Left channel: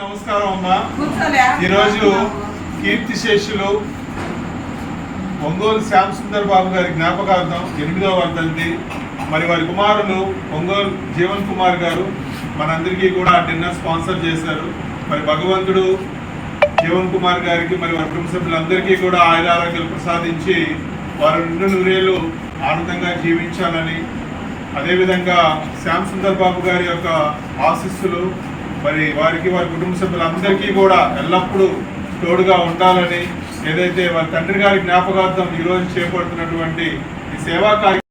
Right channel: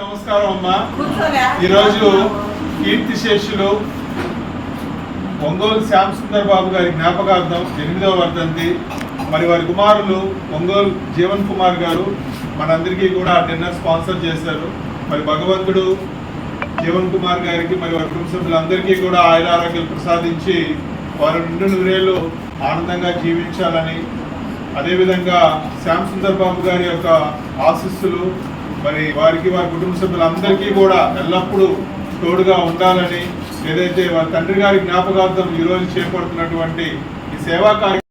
నమస్కారం అమ్మా. ఈరోజు కీర్తిశేషులు ఒంగోలు శ్యామ్ సుందర్ బాబు గారి జ్ఞాపకార్థం 8వ వర్ధంతి. మరి వారి కుమారులు ఒంగోలు జీవన్ కుమార్ గారు మనందరికీ కూడా డిన్నర్ స్పాన్సర్ చేశారు. మరి భగవంతుడు జీవన్ కుమార్ గారికి మరి వారి కుటుంబ సభ్యులందరికీ కూడా ఆయురారోగ్యాలు ప్రసాదించి వారు నిండు నూరేళ్ళు ఆనందంగా జీవించాలని, అదేవిధంగా శ్యామ్ సుందర్ బాబు గారి యొక్క ఆశీస్సులు మరి వారికి వారి కుటుంబ సభ్యులందరికీ కూడా ఎల్లప్పుడూ తోడుగా ఉండాలని, ఏదైతే వారి తండ్రి గారి జ్ఞాపకార్థం ఈరోజు చేపడుతున్నటువంటి ఈ సేవా కార్యక్రమం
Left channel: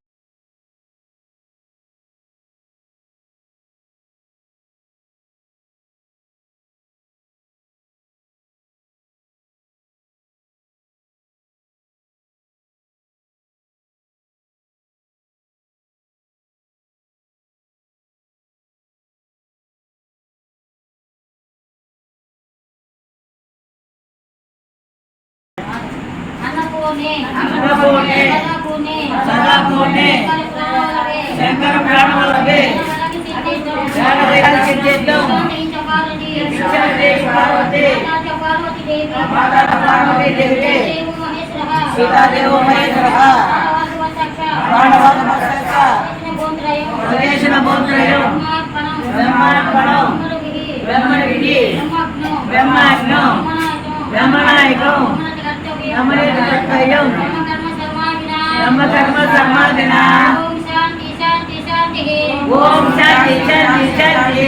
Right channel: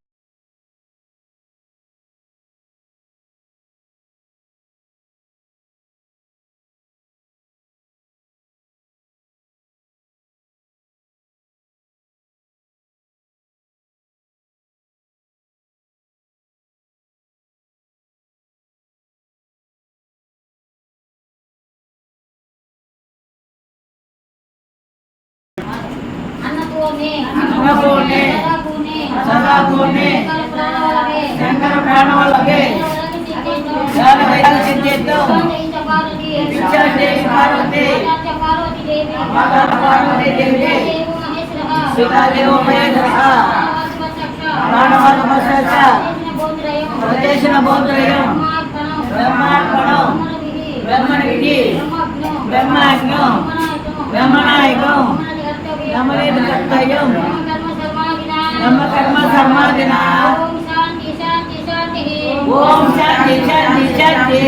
ఓం శాంతి శాంతి శాంతి.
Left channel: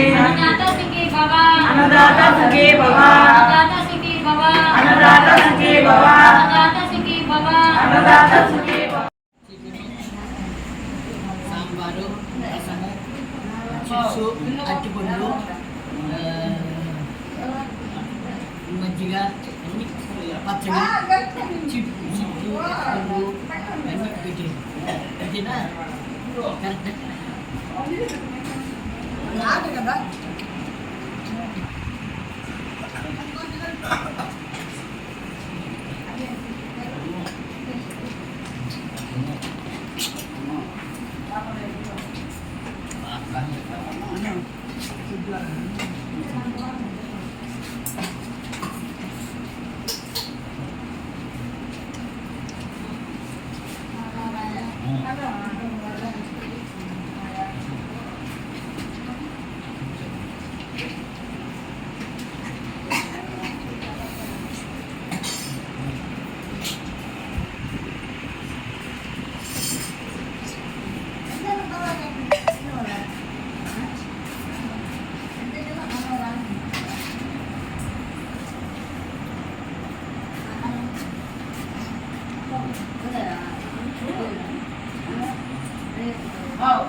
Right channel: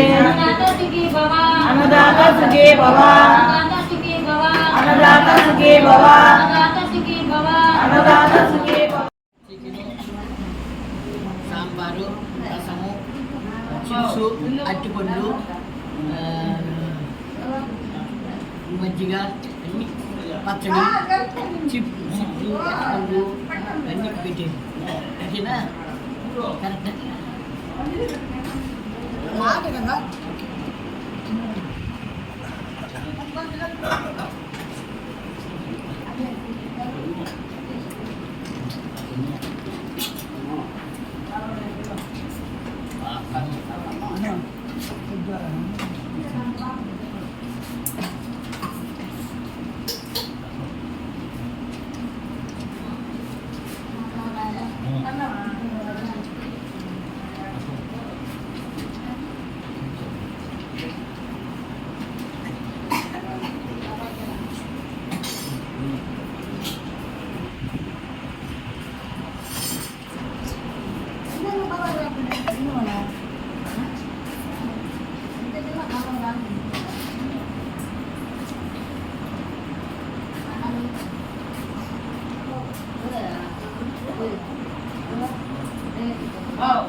అన్నదాత సుఖీ భవ, అన్నదాత సుఖీ భవ, అన్నదాత సుఖీ భవ. సాంబారు, రసము, చిప్సు, అట్టిపండు, మజ్జిగ, అన్ని పచ్చడి, చిప్సు, అట్టిపండు అన్నీ పెట్టి అంతేనా? మాట కదా. Oh,